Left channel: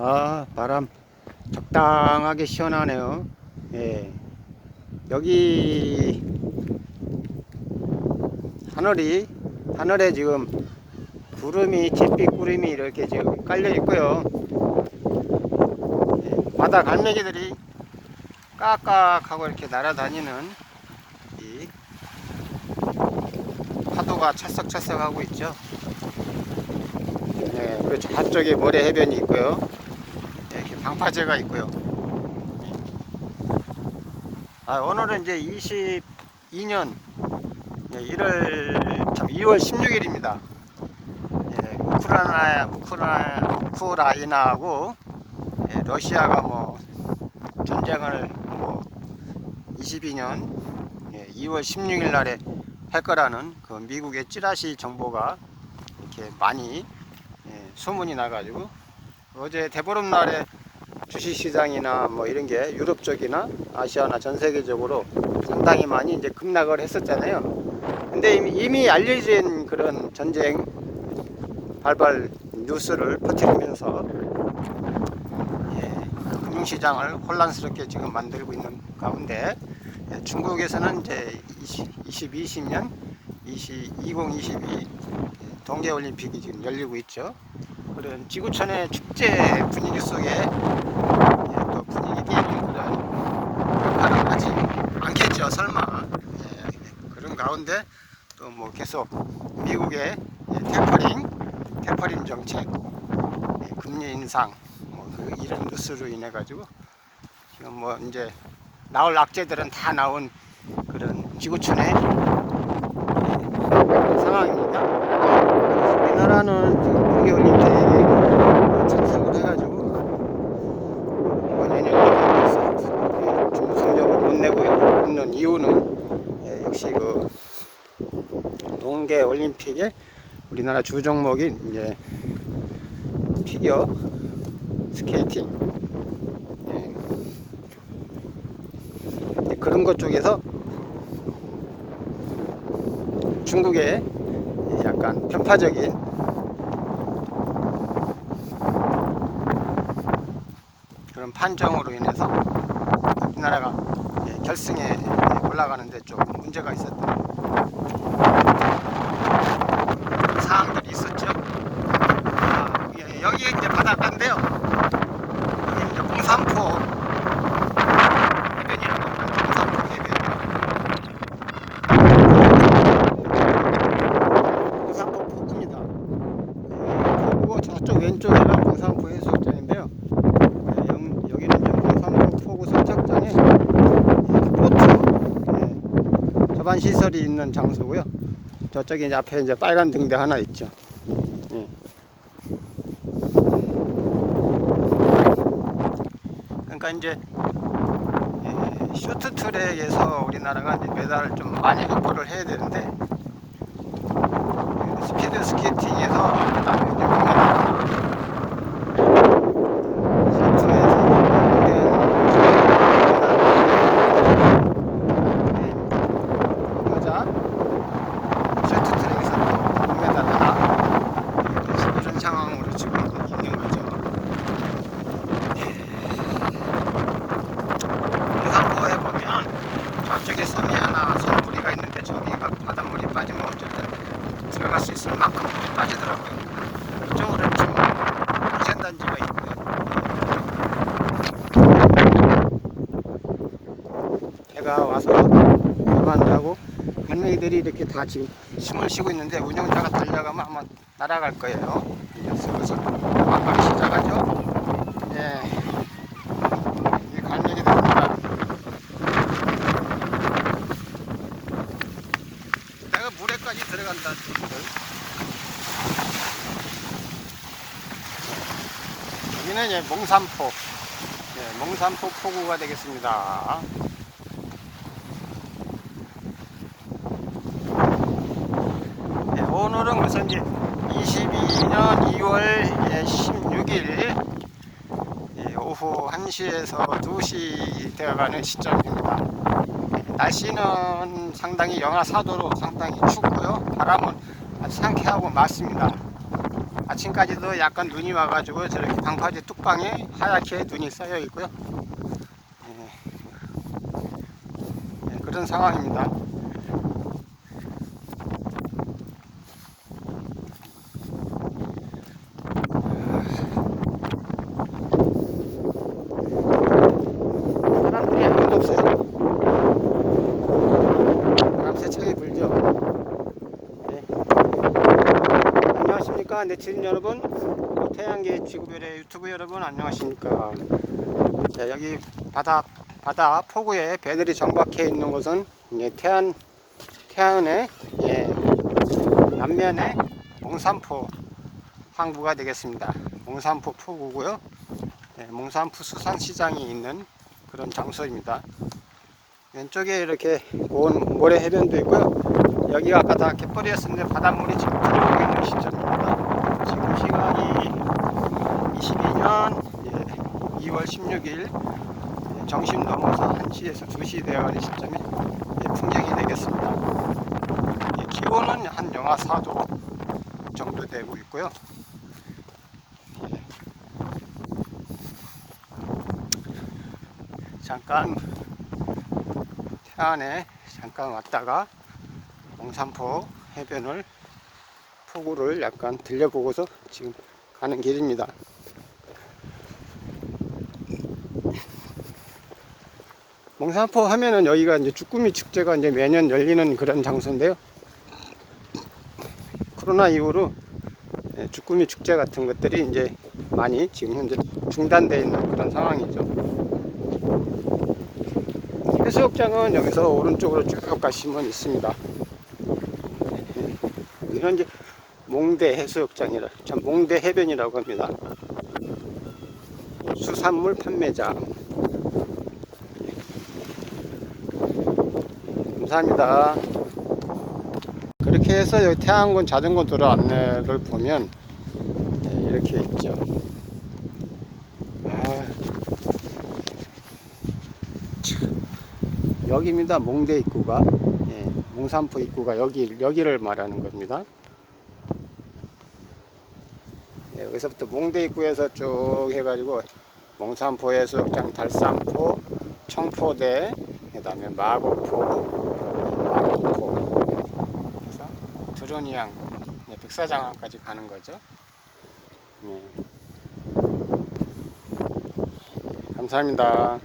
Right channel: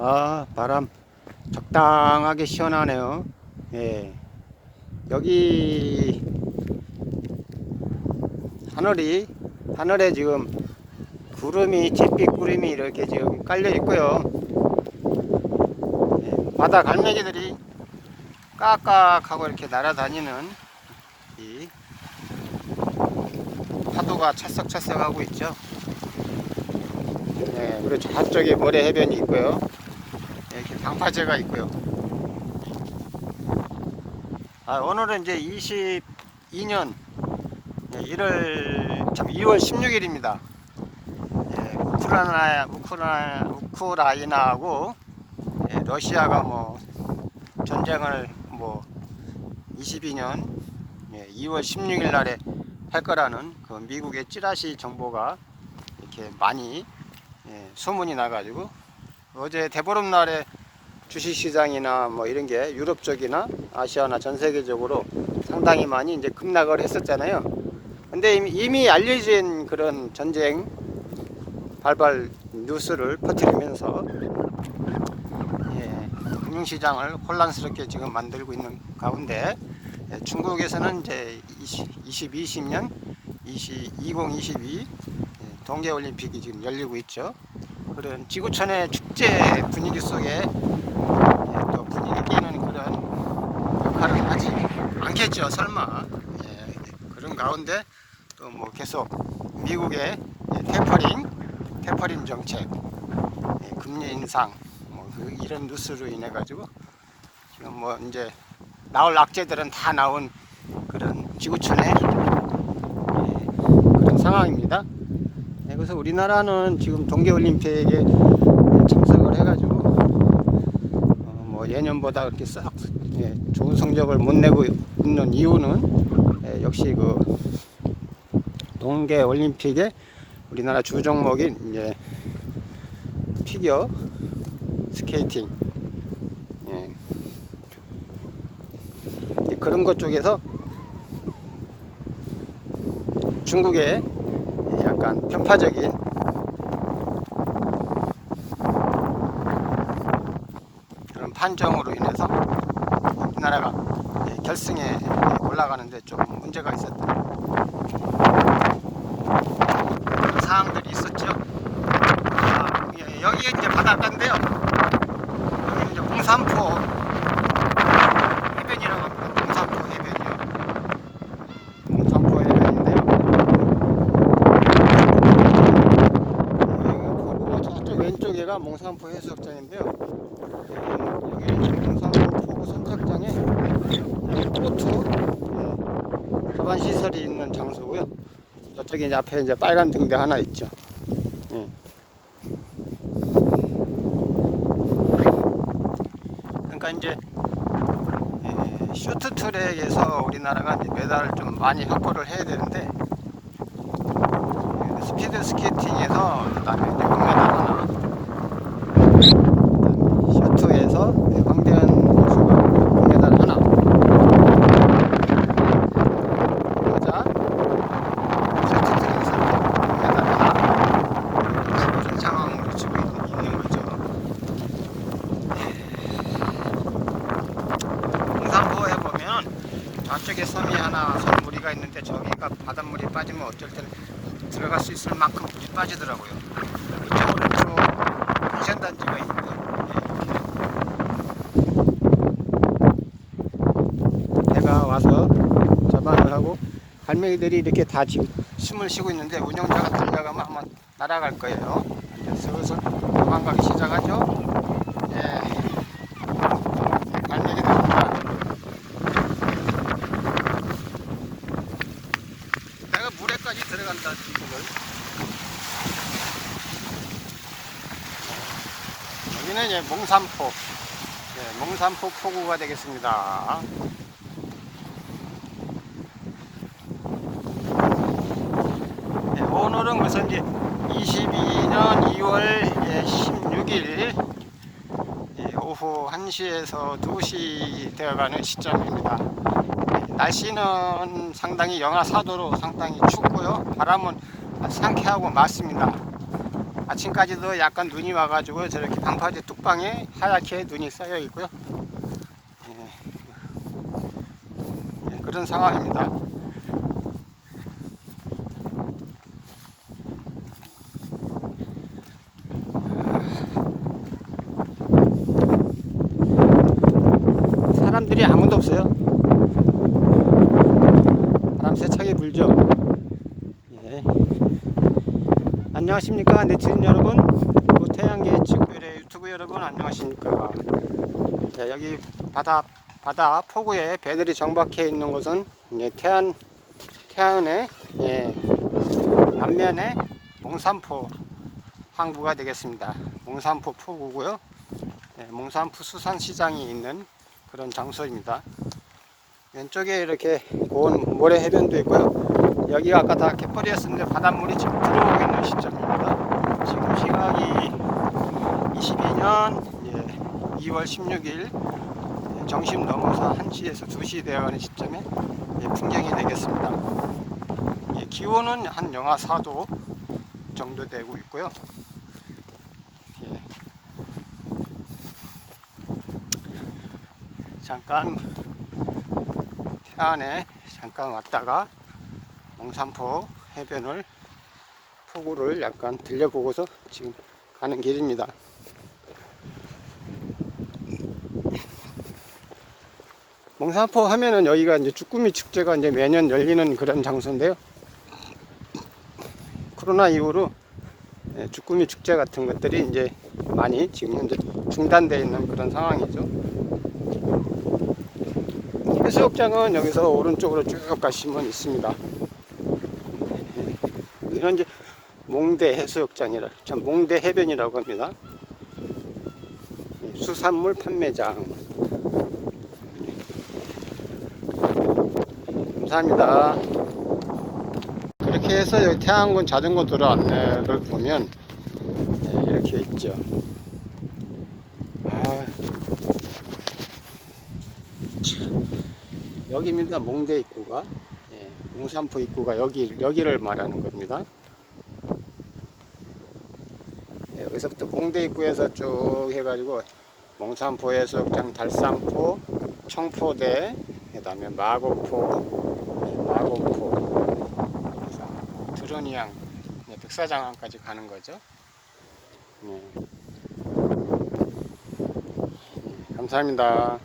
아, 바람 적당하게 시원하네요. 예. 여기 하늘에 지금 잿빛 구름이 이렇게 지금 깔려 있고요. 예. 바다 갈매기들이 깍깍하고 이렇게 날아다니는 이 파도가 찰싹찰싹 하고 있죠. 네, 그리고 저쪽에 모래 해변이 있고요. 이렇게 방파제가 있고요. 오늘은 이제 22년 2월 16일입니다. 우크라이나하고 러시아가 뭐 전쟁을 22년 2월 16일 날에 할 거라는 그 미국의 찌라시 정보가 이렇게 많이 소문이 나가지고, 어제 대보름날에 주식시장이나 뭐 이런 게 유럽 쪽이나 아시아나 전 세계적으로 상당히 많이 이제 급락을 했었잖아요. 근데 이미 알려진 그런 전쟁 발발 뉴스를 퍼뜨리면서 금융시장을 혼란스럽게 지금 만들고 있는 가운데, 중국에서는 이제 2022 동계올림픽이 지금 열리고 있죠. 그런 지구촌의 축제 분위기 속에 또 분위기 띄는 그런 역할을 하지 않겠죠, 설마. 그런 가운데 또 뭐 계속 미국의 테퍼링 정책, 금리 인상, 이런 뉴스로 인해 가지고 지금 뭐 이제 나올 악재들은 다 나온 그런 지구촌의 상황입니다. 그래서 우리나라는 지금 동계올림픽에 참석을 해가지고 예년보다 벌써 좋은 성적을 못 내고 있는 이유는 역시 그 동계올림픽에 우리나라 주 종목인 이제 피겨 스케이팅, 그런 것 쪽에서 중국의 약간 편파적인 그런 판정으로 인해서 우리나라가 결승에 올라가는데 좀 문제가 있었던 그런 사항들이 있었죠. 여기에 이제 바닷가인데요. 여기 이제 공산포 해변이라고 합니다. 공산포 해변. 저쪽 왼쪽에가 공산포 해수욕장인데요. 여기는 지금 공산포 포구 선착장에 보트 하반 시설이 있는 장소고요. 저쪽에 이제 앞에 이제 빨간 등대 하나 있죠. 그러니까 이제 쇼트트랙에서 우리나라가 이제 메달을 좀 많이 확보를 해야 되는데, 스피드 스케이팅에서 그다음에 이제 금메달, 쇼트에서 금메달, 여자 쇼트트랙에서 금메달 하나, 그런 상황으로 지금 있는 거죠. 공산포에 보면 저쪽에 섬이 하나, 섬무리가 있는데 저기가 바닷물이 빠지면 어쨌든 들어갈 수 있을 만큼 물이 빠지더라고요. 이쪽으로 쭉 안전단지가 있고요. 해가 와서 저반을 하고 갈매기들이 이렇게 다 지금 숨을 쉬고 있는데, 운영자가 달려가면 아마 날아갈 거예요. 이제 슬슬 막가기 시작하죠. 갈매기들입니다. 내가 물에까지 들어간다, 친구들. 여기는 이제 몽산포, 몽산포 포구가 되겠습니다. 오늘은 그래서 이제 22년 2월 16일 오후 1시에서 2시 되어가는 시점입니다. 날씨는 상당히 영하 4도로 상당히 춥고요. 바람은 아주 상쾌하고 맑습니다. 아침까지도 약간 눈이 와가지고 저렇게 방파제 뚝방에 하얗게 눈이 쌓여 있고요. 예, 예, 그런 상황입니다. 사람들이 아무도 없어요. 바람 세차게 불죠. 예. 안녕하십니까 네티즌 여러분, 태양계 지구별의 유튜브 여러분 안녕하십니까. 자, 여기 바다 포구에 배들이 정박해 있는 곳은 이제 태안의 예, 남면에 몽산포 항구가 되겠습니다. 몽산포 포구고요. 예, 몽산포 수산시장이 있는 그런 장소입니다. 왼쪽에 이렇게 고운 모래 해변도 있고요. 여기가 아까 다 갯벌이었는데 바닷물이 지금 들어오고 있는 시점입니다. 지금 시각이 22년 2월 16일 점심 넘어서 1시에서 2시 되어가는 시점에 풍경이 되겠습니다. 기온은 한 영하 4도 정도 되고 있고요. 잠깐 태안에 잠깐 왔다가 몽산포 해변을 포구를 약간 들려보고서 지금 가는 길입니다. 몽산포 하면은 여기가 이제 쭈꾸미 축제가 이제 매년 열리는 그런 장소인데요. 코로나 이후로 쭈꾸미 축제 같은 것들이 이제 많이 지금 현재 중단되어 있는 그런 상황이죠. 해수욕장은 여기서 오른쪽으로 쭉 가시면 있습니다. 현재 몽대 해수욕장이라, 참 몽대 해변이라고 합니다. 수산물 판매장. 감사합니다. 그렇게 해서 여기 태안군 자전거 도로 안내를 보면 이렇게 있죠. 여기입니다. 몽대 입구가. 예, 몽산포 입구가 여기를 말하는 겁니다. 예, 여기서부터 몽대 입구에서 쭉 해가지고 몽산포 해수욕장, 달산포, 청포대, 그 다음에 마곡포, 드로니항, 백사장항까지 가는 거죠. 예. 감사합니다.